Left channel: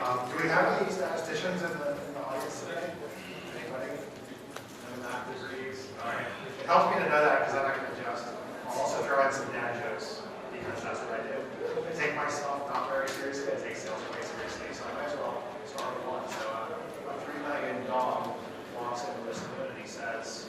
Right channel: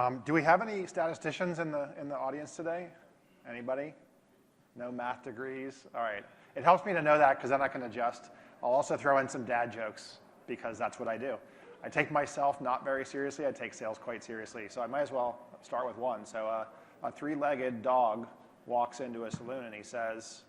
Do we have any statisticians in the audience today? Anybody? No math degrees? All right. It helps me to know that because then I can adjust. I'll also throw in some dad jokes because that's what I do. I take myself not very seriously. I take sales quite seriously. So I might as well start with one. So a three-legged dog walks into a saloon and he says,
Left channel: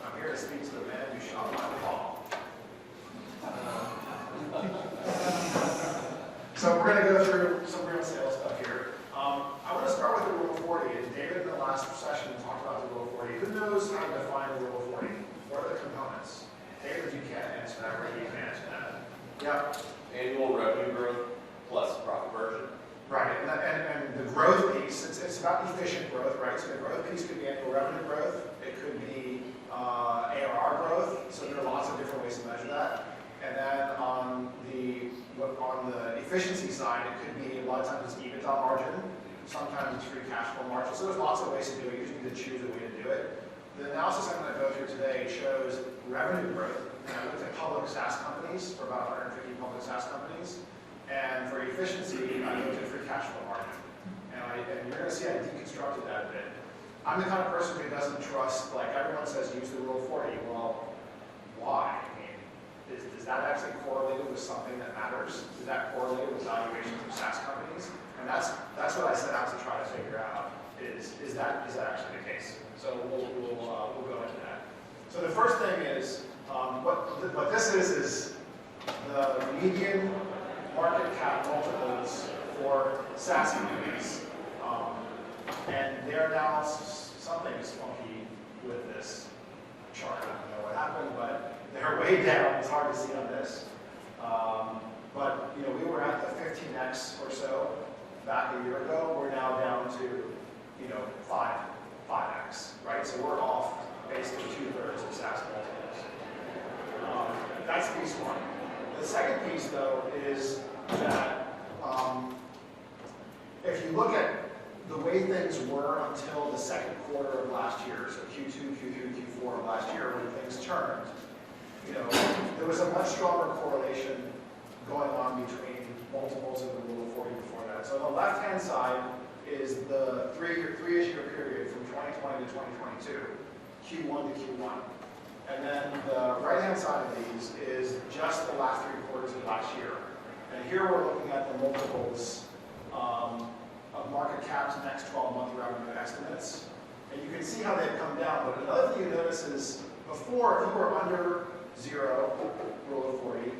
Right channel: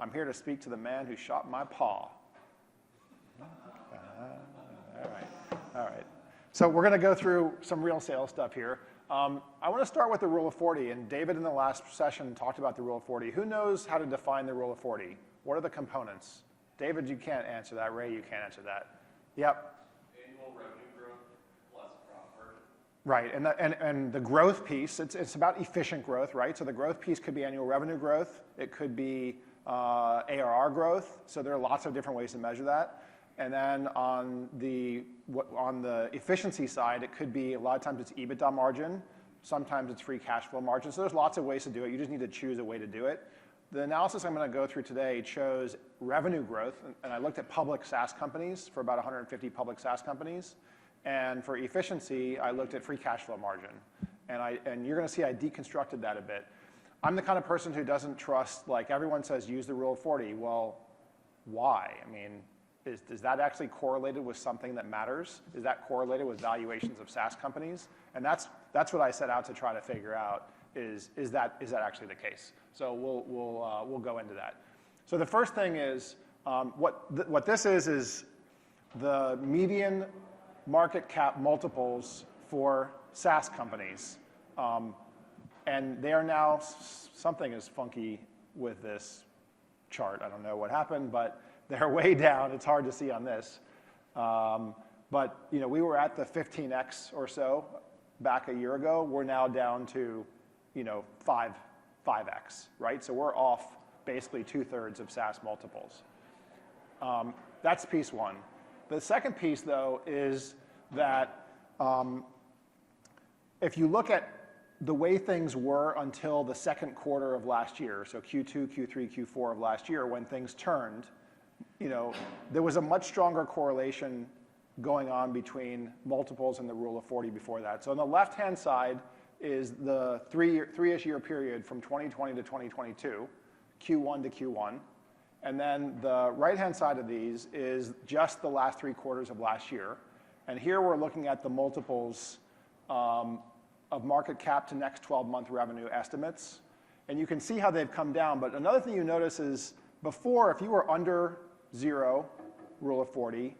"I'm here to speak to the man who shot my paw." So we're going to go through some real sales stuff here. I want to start with the rule of 40. And David in the last session talked about the rule of 40. Who knows how to define the rule of 40? What are the components? David, you can't answer that. Ray, you can't answer that. Yep. Annual revenue growth plus profit margin. Right, and the growth piece, it's about efficient growth, right? So the growth piece could be annual revenue growth. It could be ARR growth. So there are lots of different ways to measure that. And then on the efficiency side, it could be, a lot of times it's EBITDA margin, sometimes it's free cash flow margin. So there's lots of ways to do it. You just need to choose a way to do it. The analysis I'm going to go through today shows revenue growth. And I looked at public SaaS companies, for about 150 public SaaS companies. And for efficiency, I looked at free cash flow margin. And you're going to see I deconstructed that a bit. I'm the kind of person who doesn't trust, like everyone says, use the rule of 40. Well, why? Is that actually correlated with something that matters? Is that correlated with valuation for SaaS companies? And that's what I set out to try to figure out. Is that actually the case? So we'll go into that. So the first thing is what this is the median market cap multiples for SaaS companies, and they're now something is funky with this chart. I don't know what happened, but they're way down. It's hard to see on this. But we were at the 15x or so back a year ago. We're now down to 5x, right? So we're off basically 2/3 of SaaS multiples. That's piece one. The second piece, though, is that if you look at the way things were until the second quarter of last year, so Q2, Q3, Q4 of last year, when things turned, there was a much stronger correlation going on between multiples and the rule of 40 before that. So on the left-hand side is the three-ish year period from 2020 to 2022, Q1 to Q1. And then the right-hand side of these is just the last 3 quarters of last year. And here we're looking at the multiples of market cap to next 12-month revenue estimates. And you can see how they've come down. But another thing you notice is before, if you were under 0, rule of 40,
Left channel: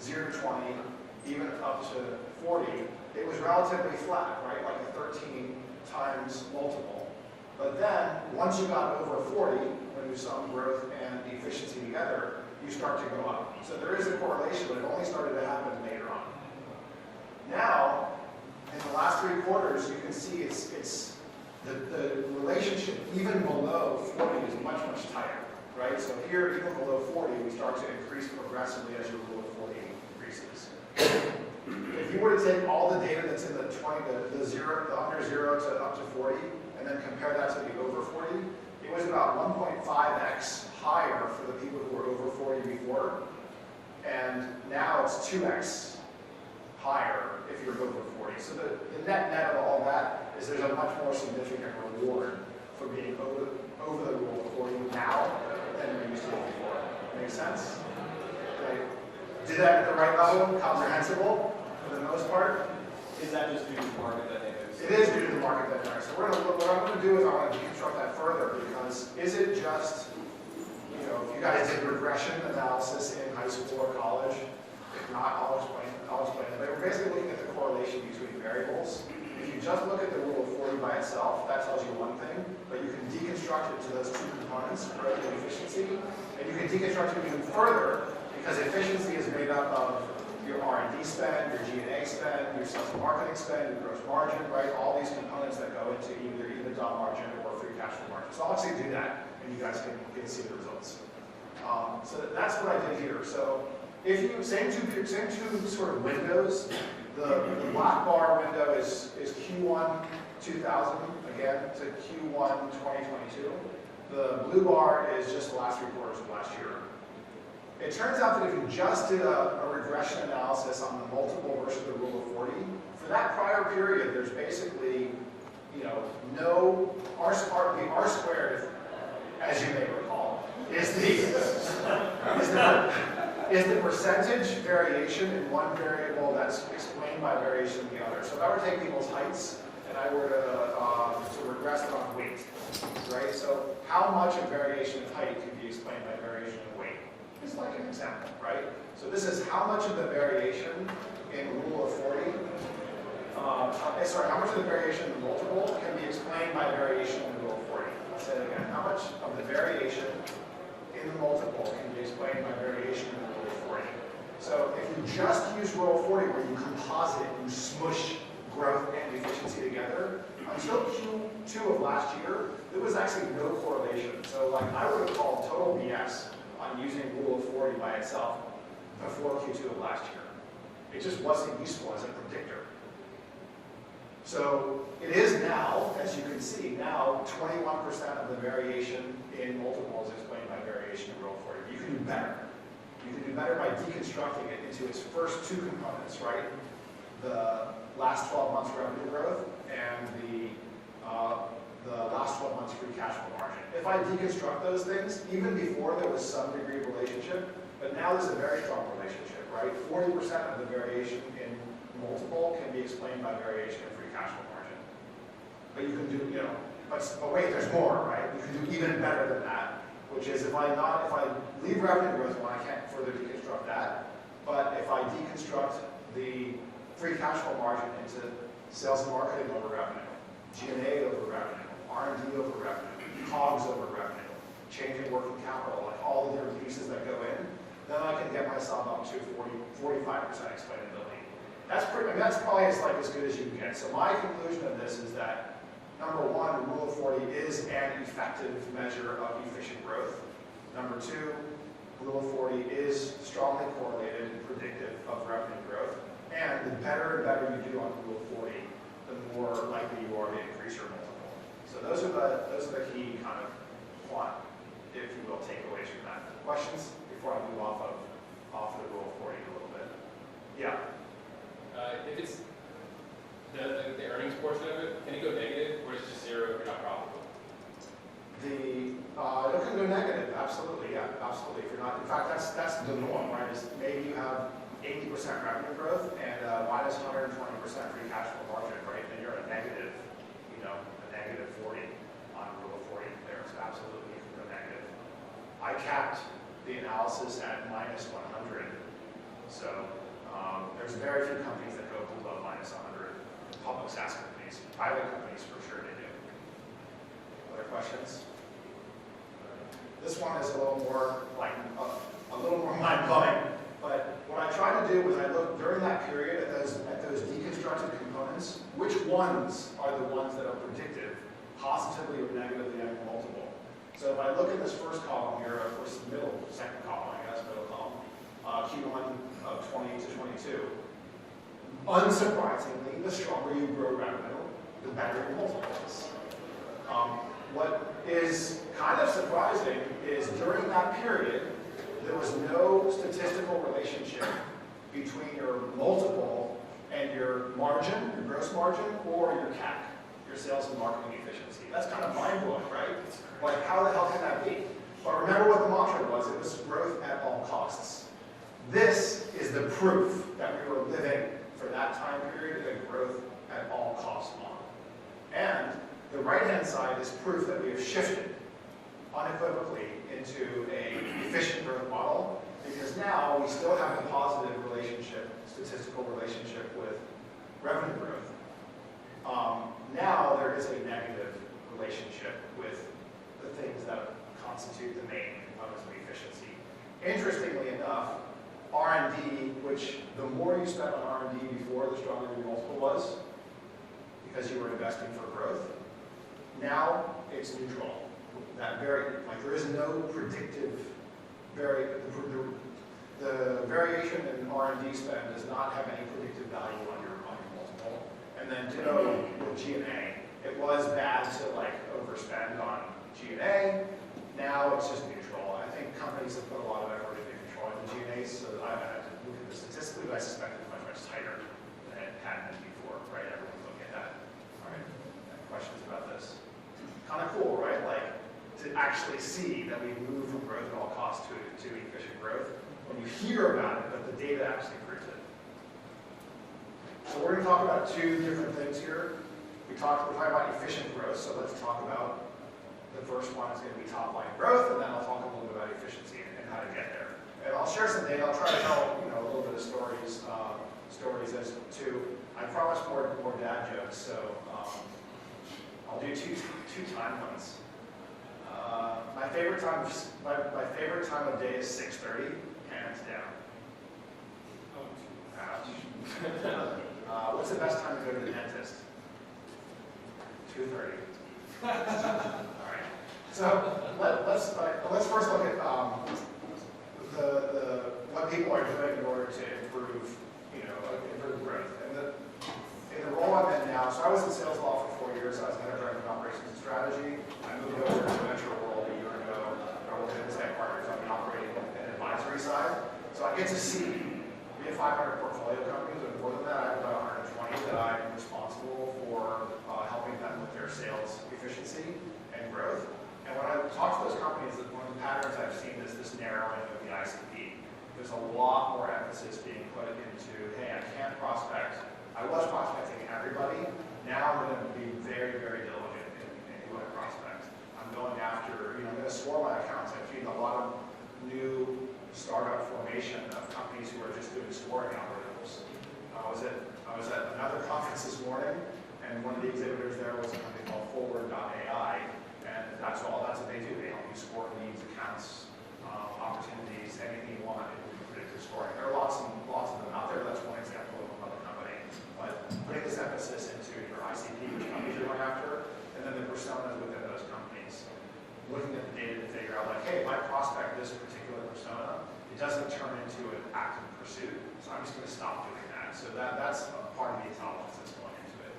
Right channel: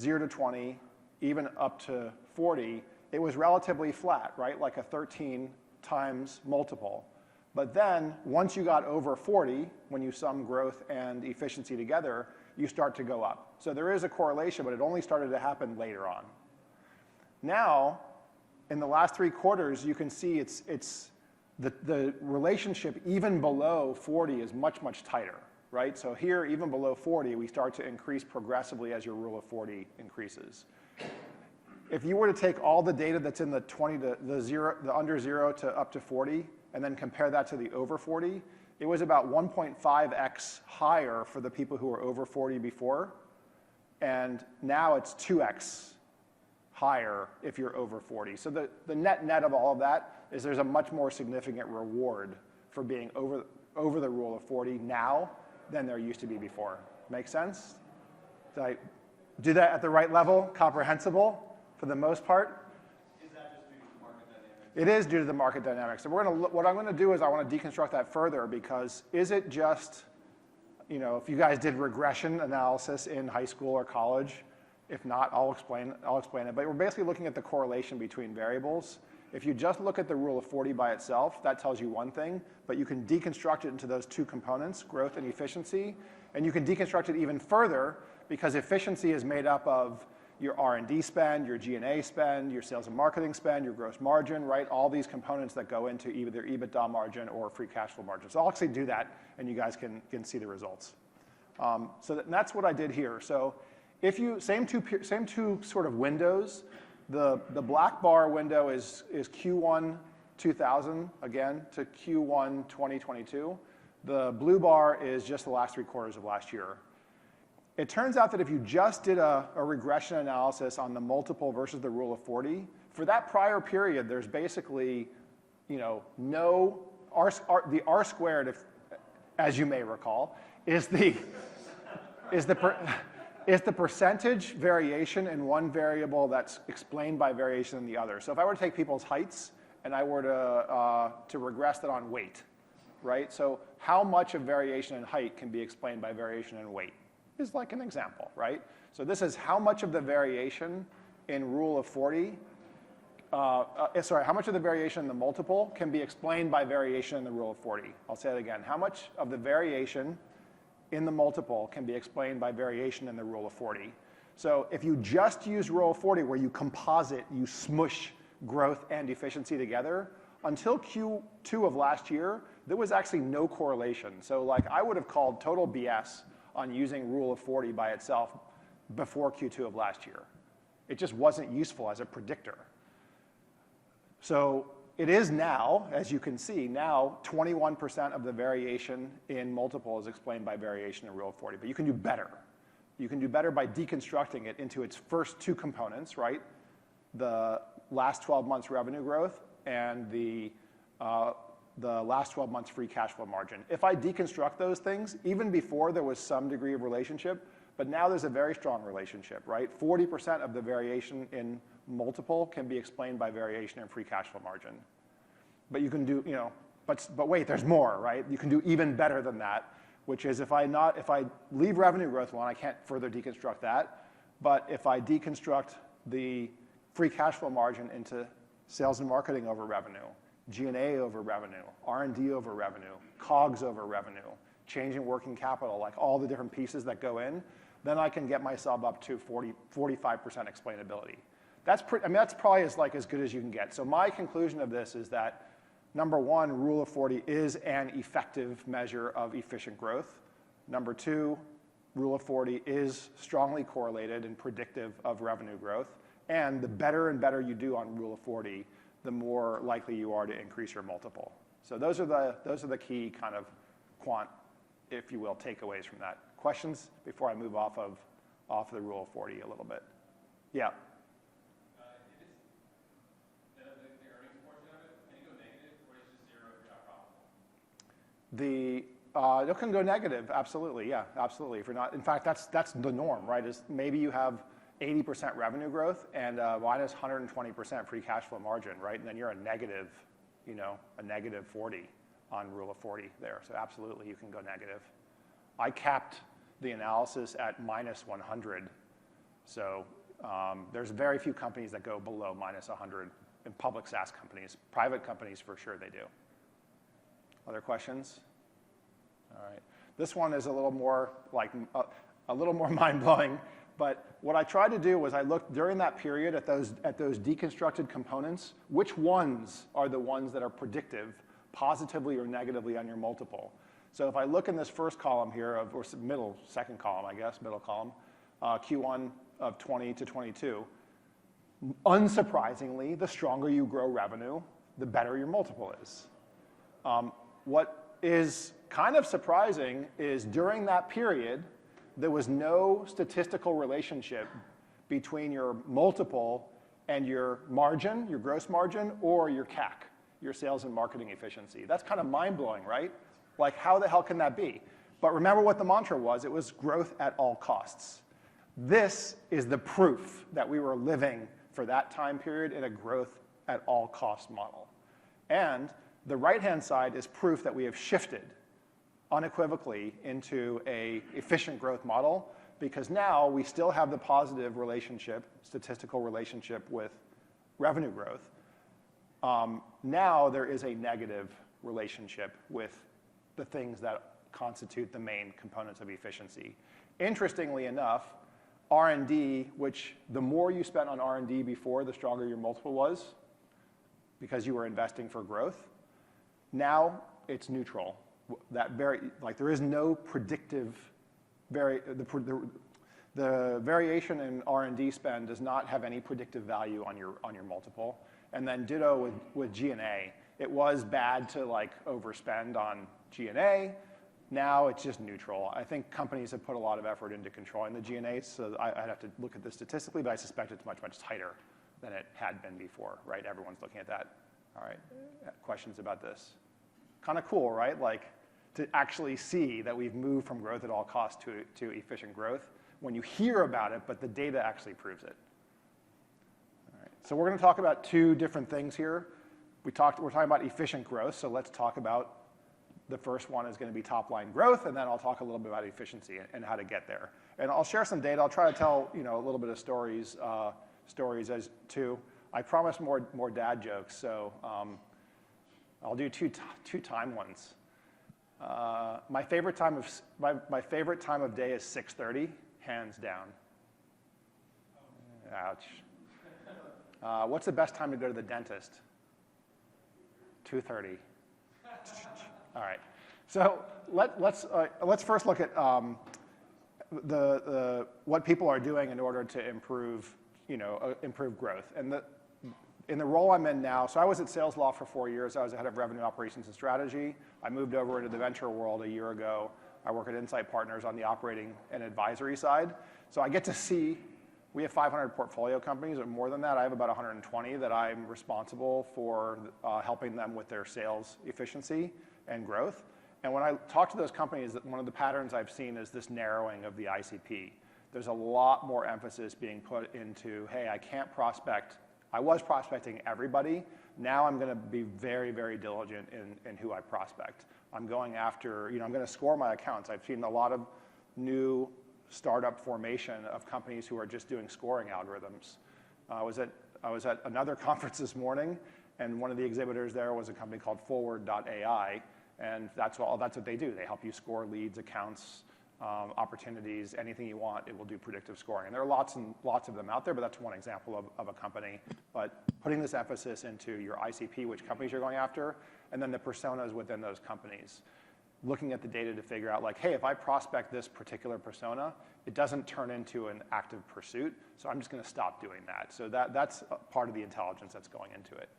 0 to 20, even up to 40, it was relatively flat, right? Like a 13 times multiple. But then, once you got over 40, when you sum growth and efficiency together, you start to go up. So there is a correlation, but it only started to happen later on. Now, in the last 3 quarters, you can see it's the relationship even below 40 is much, much tighter, right? So here, even below 40, we start to increase progressively as your rule of 40 increases. If you were to take all the data that's in the 20, the under 0 to up to 40, and then compare that to the over 40, it was about 1.5x higher for the people who were over 40 before, and now it's 2x higher if you're over 40. So the net of all of that is there's a much more significant reward for being over the rule of 40 now than there used to be before. Make sense? Like, do that at the right level, comprehensible for the most part. Is that just due to market dynamics? It is due to the market dynamics. So what I'm going to do is I want to deconstruct that further, because is it just, if you guys did regression analysis in high school or college, if not, I'll explain it. But we're basically looking at the correlation between variables. If you just look at the rule of 40 by itself, that tells you one thing, but you can deconstruct it into those 2 components, growth and efficiency, and you can deconstruct it even further, because efficiency is made up of your R&D spend, your G&A spend, your sales and marketing spend, your gross margin, right? All these components that go into either EBITDA margin or free cash flow margin. So I'll actually do that, and you guys can see the results. So that's what I did here. So if you same two sort of windows. The black bar window is Q1 2000 again to Q1 2022. The blue bar is just the last 3 quarters of last year. it turns out that if you just did a regression analysis on the multiple versus the rule of 40, for that prior period, there's basically, no, the R squared, as you may recall, is the percentage variation in one variable that's explained by variation in the other. So if I were to take people's heights and I were to regress it on weight, right? So how much of variation in height can be explained by variation in weight? Is like an example, right? So this is how much of the variation in rule of 40, how much of the variation in the multiple can be explained by variation in rule of 40? I'll say it again. How much of the variation in the multiple can be explained by variation in the rule of 40? So if you just use rule of 40 where you composite, you smush growth and efficiency together, until Q2 of last year, there was actually no correlation. So like I would have called total BS on using rule of 40 by itself before Q2 of last year. It just wasn't useful as a predictor. So it is now, as you can see, now 21% of the variation in multiple is explained by variation in rule of 40. But you can do better. You can do better by deconstructing it into its first two components, right? The last 12 months revenue growth and the last 12 months free cash flow margin. If I deconstruct those things, even before there was some degree of relationship, but now there's a very strong relationship, right? 40% of the variation in multiple can be explained by variation of free cash flow margin. But you can do, but wait, there's more, right? You can do even better than that, which is if I leave revenue growth, well, I can't further deconstruct that. But if I deconstruct the free cash flow margin into sales and marketing over revenue, G&A over revenue, R&D over revenue, COGS over revenue, changing working capital, like all the different pieces that go in, then I can get myself up to 45% explainability. That's probably as good as you can get. So my conclusion of this is that, number one, rule of 40 is an effective measure of efficient growth. Number two, rule of 40 is strongly correlated and predictive of revenue growth. And the better and better you do on rule of 40, the more likely you are to increase your multiple. So those are the key kind of quant, if you will, takeaways from that. Questions before I move off the rule of 40 a little bit? Yeah. If it's the earnings portion of it, can it go negative, or is it just zero if you're not profitable? It can go negative, absolutely, yeah, absolutely. If you're not, in fact, that's the norm, right? Is maybe you have 80% revenue growth and minus 120% free cash flow margin, right? And you're a negative, a negative 40 on rule of 40 there. So absolutely, you can go negative. I capped the analysis at minus 100. So there's very few companies that go below minus 100 in public SaaS companies. Private companies, for sure, they do. Other questions? This one is a little more mind-blowing. But what I tried to do was I looked during that period at those deconstructed components, which ones are the ones that are predictive, positively or negatively on your multiple. So if I look in this first column here, of course, second column, I guess, middle column, Q1 of 20 to 22, unsurprisingly, the stronger you grow revenue, the better your multiple is. What is kind of surprising is during that period, there was no statistical relationship between your multiple and your margin, your gross margin, or your CAC, your sales and marketing efficiency. That's kind of mind-blowing, right? Like, how the hell can that be? But remember what the mantra was. It was growth at all costs. This is the proof that we were living for that time period in a growth at all costs model. And the right-hand side is proof that we have shifted unequivocally into a efficient growth model, because now we still have a positive relationship, statistical relationship with revenue growth. Now there is a negative relationship with the things that constitute the main components of efficiency. Interestingly enough, R&D, which the more you spent on R&D before, the stronger your multiple was, because you were investing for growth. Now it's neutral. There is no predictive the variation in R&D spend does not have any predictive value on your multiple. And then ditto with G&A. It was bad to overspend on G&A. Now it's just neutral. I think companies have put a lot of effort into controlling the G&A, so I have to look at this statistically, but I suspect it's much, much tighter than it had been before, right? Everyone's looking at that. All right, questions about this? Kind of cool, right? Like, to actually see that we've moved from growth at all costs to efficient growth when you hear about it, but the data actually proves it. So we're going to talk about two different things here. We're talking about efficient growth, so let's talk about the first one is going to be top line growth, and then I'll talk a little bit about efficiency and how to get there. And I'll share some data. I'll try to tell a little bit of stories as to. I promise more dad jokes, so I'll do two time ones. My favorite time of day is 6:30, hands down. Ouch. What's the best time to go to the dentist? 2:30. All right. So let's first look at what people are doing in order to improve growth. And in the role I'm in now, so I was at Sales Law for 4 years. I was head of revenue operations and strategy. I moved over to the venture world a year ago. I work at Insight Partners on the operating and advisory side. So I get to see, we have 500 portfolio companies, and more than that, I have about 120 that I'm responsible for helping them with their sales efficiency and growth. And when I talk to those companies, one of the patterns I've seen is this narrowing of the ICP. There's a lot more emphasis being put into, hey, I can't prospect. I was prospecting everybody. Now I'm going to be very, very diligent in who I prospect. I'm going after, I'm going to score my accounts. I've seen a lot of new startup formation of companies who are just doing scoring algorithms. I was at another conference this morning, and one of the exhibitors there was a company called Forward.ai, and that's what they do. They help you score leads, accounts, opportunities, anything you want. It will do predictive scoring. There are lots of them out there, but that's one example of a company. But putting this emphasis into your ICP, which companies you're going after, and then the personas within those companies. Looking at the data to figure out, like, hey, if I prospect this particular persona, it doesn't turn into an active pursuit, so I'm just going to stop doing that. So that's part of the intelligence that's going into it.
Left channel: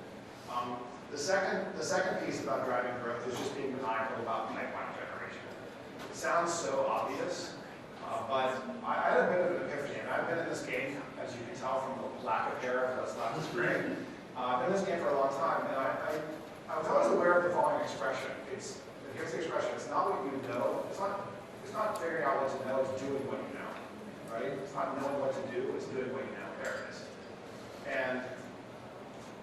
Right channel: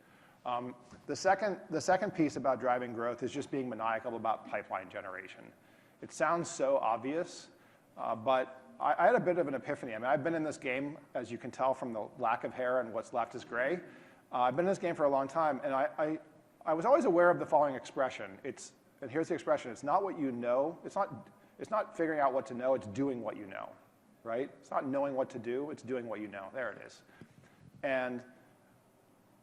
The second piece about driving growth is just being maniacal about pipeline generation. It sounds so obvious, but I had a bit of an epiphany. I mean, I've been in this game, as you can tell from the lack of hair and what's left is gray. I've been in this game for a long time, and I was always aware of the following expression. And here's the expression: it's not what you know. It's not figuring out what to know. It's doing what you know, right? It's not knowing what to do. It's doing what you know. There it is. And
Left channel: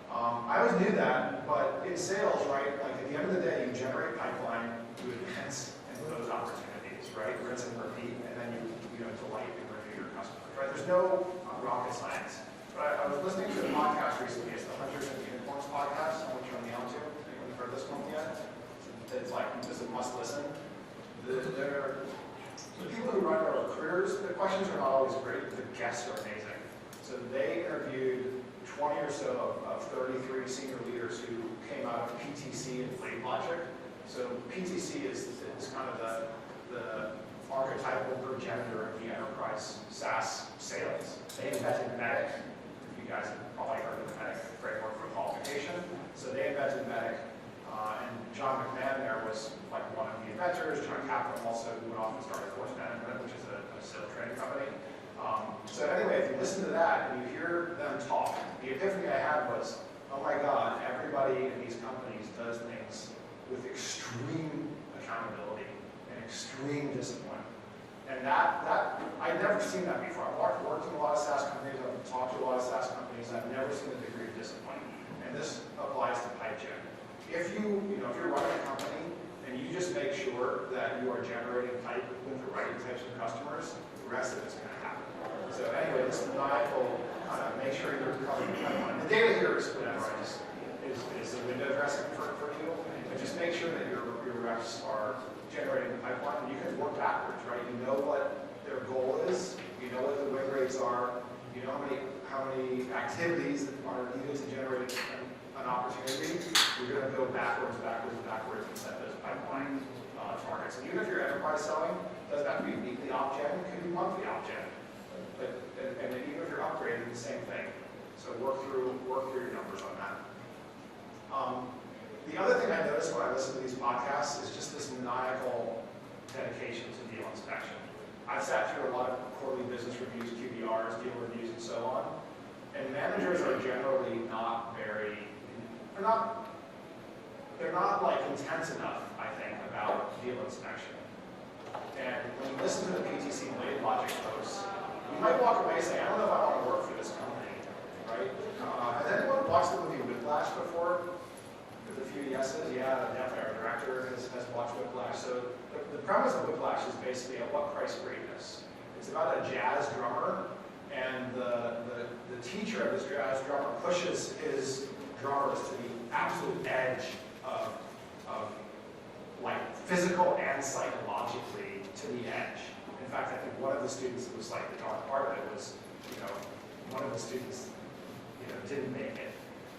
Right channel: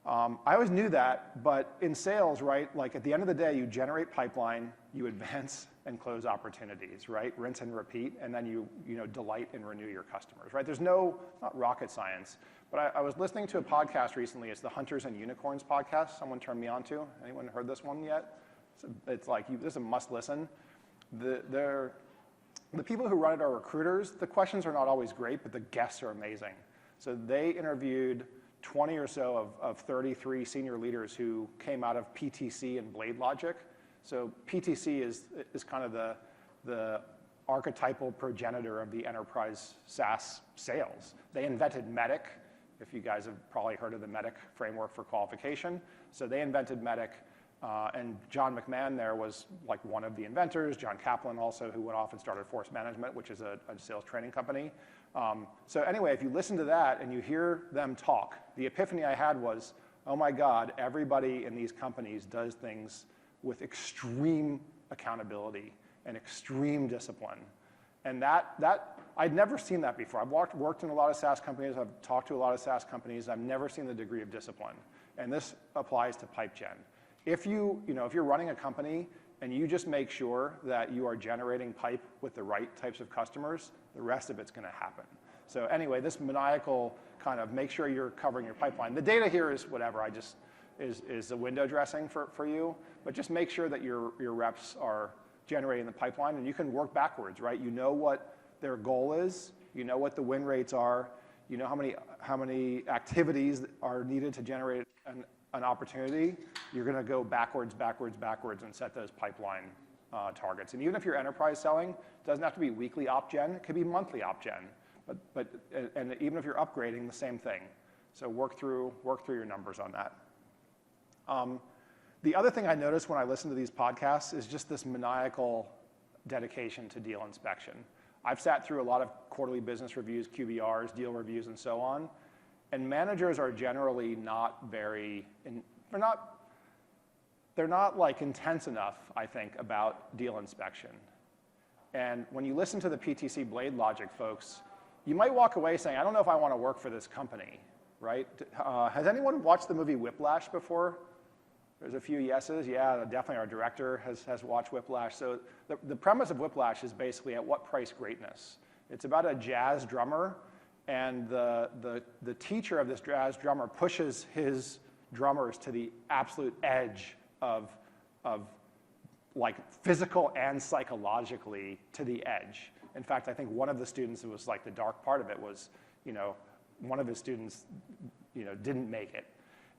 I always knew that, but in sales, right? Like at the end of the day, you generate pipeline, you advance and close opportunities, right? Rinse and repeat, and then you delight and renew your customers, right? There's no rocket science. But I was listening to a podcast recently. It's the Hunters and Unicorns podcast. Someone turned me on to. Anyone heard this one yet? It's like, just a must listen. The people who run our recruiters, the questions are not always great, but the guests are amazing. So they interviewed 20 or so of 33 senior leaders who came out of PTC and Blade Logic. So PTC is kind of the archetypal progenitor of the enterprise SaaS sales. They invented Medic. You guys have probably heard of the Medic framework for qualification. So they invented Medic. And John McMahon there was like one of the inventors. John Kaplan also, who went off and started Force Management, which is a sales training company. So anyway, if you listen to that and you hear them talk, the epiphany I had was, oh my God, everybody in these companies does things with extreme accountability and extreme discipline. And that I'd never seen that before. I've worked in a lot of SaaS companies. I've talked to a lot of SaaS companies. I've never seen the degree of discipline. And this applies to pipe check. If you're running a company and you just make sure that you are generating pipe with the right types of customers, the rest of it's going to happen. So anyway, this maniacal kind of make sure you're covering the pipeline. The data here is whatever. Is the window dressing for you. But just make sure that your reps are generating the pipeline, and you can work backwards, right? You know what their goal is. You know what the win rates are. You know how many activities are needed to generate an opportunity. You're going to go backwards, and set those pipeline targets. And even if you're enterprise selling, it doesn't have to be weekly op-gen. It could be monthly op-gen. And even if you're upgrading, the same thing. So work through your numbers on that. The other thing I noticed when I listen to these podcasts is just this maniacal dedication to deal inspection. I've sat through a lot of quarterly business reviews, QBRs, deal reviews, and so on, and managers are generally not they're not like intense enough, I think, about deal inspection. And when you listen to the PTC Blade Logic folks, you might walk away saying, I don't know if I want to work for this company, right? Has anyone watched the movie Whiplash before? There's a few yeses. Yeah, definitely our director has watched Whiplash. So the premise of Whiplash is basically at what price greatness? It's about a jazz drummer, and the teacher of this jazz drummer pushes his drummers to the absolute edge of like physical and psychologically to the edge. In fact, I think one of the students, it was like the dark part of it was, one of the students, didn't make it.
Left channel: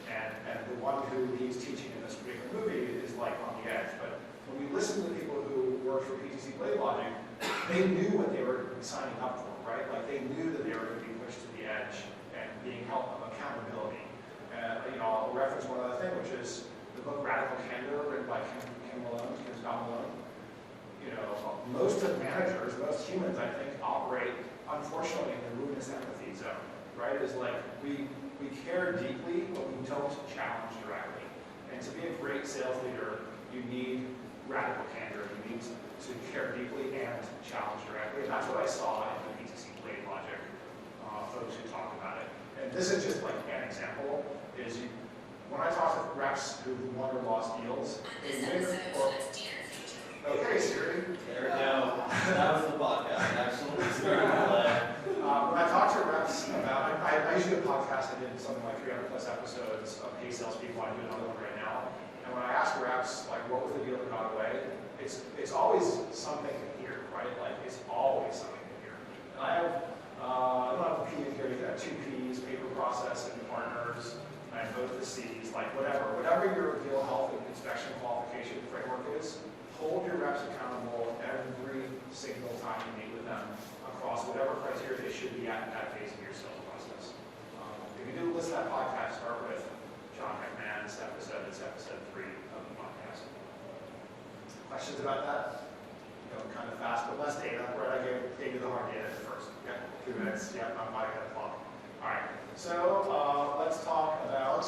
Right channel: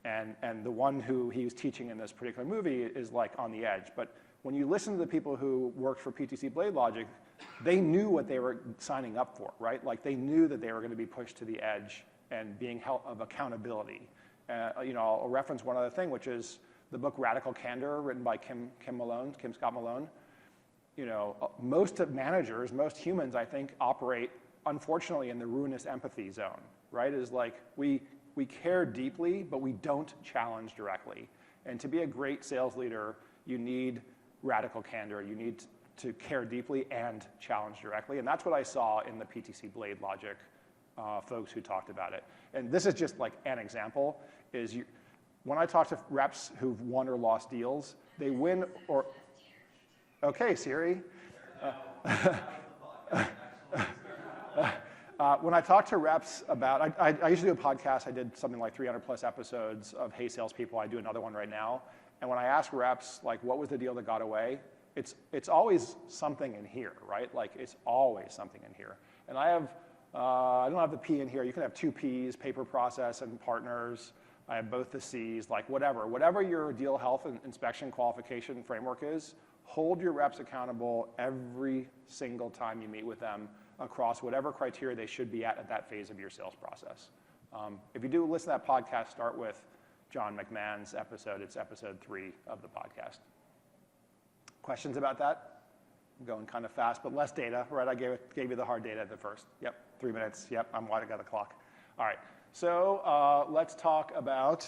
And the one who he's teaching in this particular movie is like on the edge. But when you listen to the people who worked for PTC Blade Logic, they knew what they were signing up for, right? Like they knew that they were going to be pushed to the edge and being held of accountability. I'll reference one other thing, which is the book Radical Candor, written by Kim Scott Malone. Most of managers, most humans, I think, operate, unfortunately, in the ruinous empathy zone, right? It's like we care deeply, but we don't challenge directly. And to be a great sales leader, you need radical candor. You need to care deeply and challenge directly. And that's what I saw in the PTC Blade Logic folks who talked about it. And this is just like an example, when I talk to reps who've won or lost deals, they win or... Okay, Siri. There we go. That was the podcast. Absolutely. When I talk to reps about, I usually do a podcast. I did something like 300 plus episodes of Hey Salespeople. I do another one right now. And when I ask reps, like, what was the deal that got away? It's always something to hear, right? Like, it's always something to hear. And I don't have a P in here. You can have 2 Ps, paper process and partners. I have both the Cs, like whatever your deal health and inspection qualification framework is. Hold your reps accountable every single time you meet with them across whatever criteria they should be at that phase of your sales process. If you do listen to that podcast, start with John McMahon's episode. It's episode 3 of the podcast. Questions about that? I'm going kind of fast, but less data. Right, I gave you the hard data at first. Yep, 3 minutes. Yep, I'm wide got a clock. All right, so let's talk about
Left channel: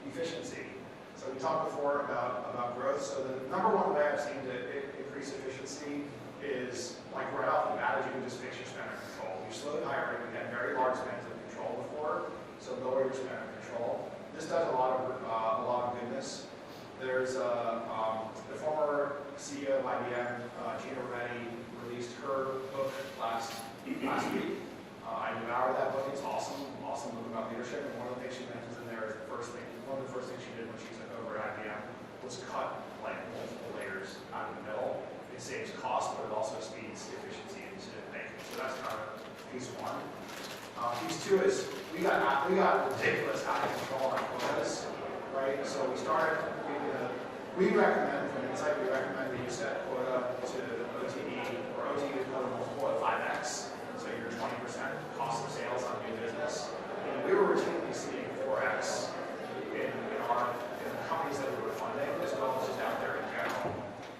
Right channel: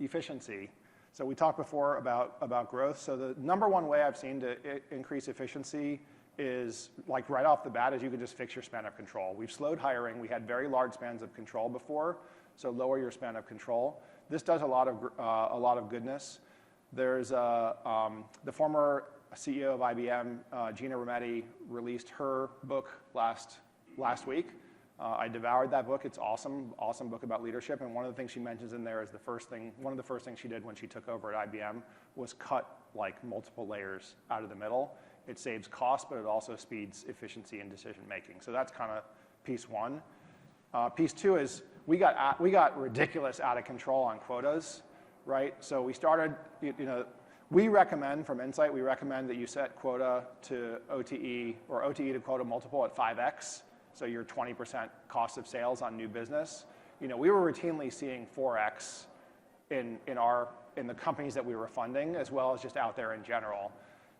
efficiency. So we talked before about growth. So the number one way I've seen to increase efficiency is, like right off the bat, is you can just fix your span of control. We've slowed hiring. We had very large spans of control before, so lower your span of control. This does a lot of goodness. There's the former CEO of IBM, Gina Rometty, released her book last week. I devoured that book. It's awesome book about leadership. And one of the things she mentions in there is one of the first things she did when she took over at IBM was cut like multiple layers out of the middle. It saves cost, but it also speeds efficiency and decision making. So that's kind of piece 1. Piece 2 is we got ridiculous out of control on quotas, right? So we started. We recommend from Insight. We recommend that you set quota to OTE or OTE to quota multiple at 5x. So your 20% cost of sales on new business. We were routinely seeing 4x in the companies that we were funding, as well as just out there in general.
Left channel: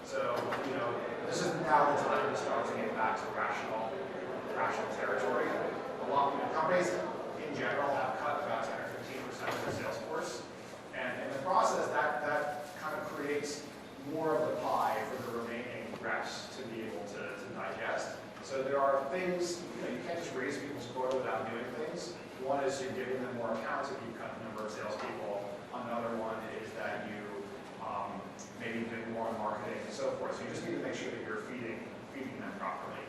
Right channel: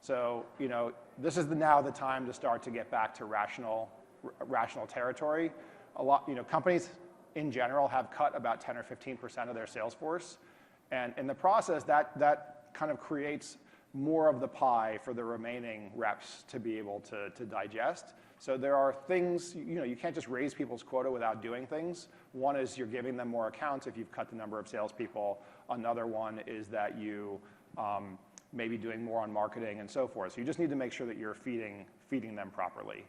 So this is now the time to start to get back to rational territory. Companies in general have cut about 10 or 15% of their sales force, and in the process, that kind of creates more of the pie for the remaining reps to be able to digest. So there are things, you can't just raise people's quota without doing things. One is you're giving them more accounts if you cut the number of salespeople. Another one is that you maybe doing more on marketing and so forth. So you just need to make sure that you're feeding them properly.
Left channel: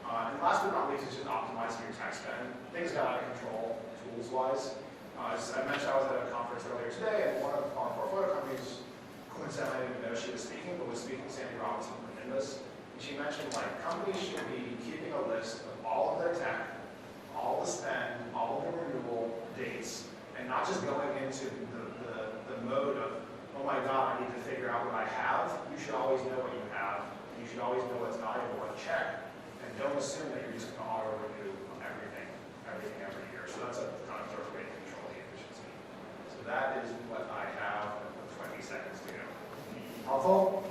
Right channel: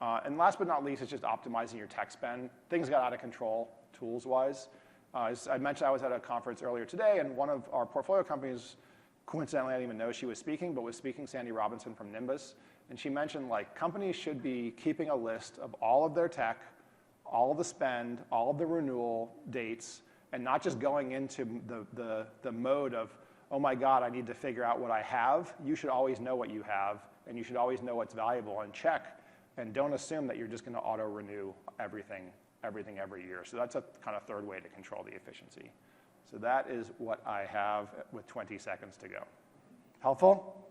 And last but not least, it's just optimizing your tech spend. Things got out of control tools-wise. As I mentioned, I was at a conference earlier today, and one of our portfolio companies, coincidentally, I didn't even know she was speaking, but was speaking Sandy Robinson from Nimbus. She mentioned companies should be keeping a list of all of their tech, all of the spend, all of the renewal dates, and not just going into the mode of, oh my God, I need to figure out what I have. You should always know what you have, and you should always know what's valuable and check. And don't assume that you're just going to auto-renew everything every year. So that's a kind of third way to control the efficiency. So that is what I have with 20 seconds to go. Helpful?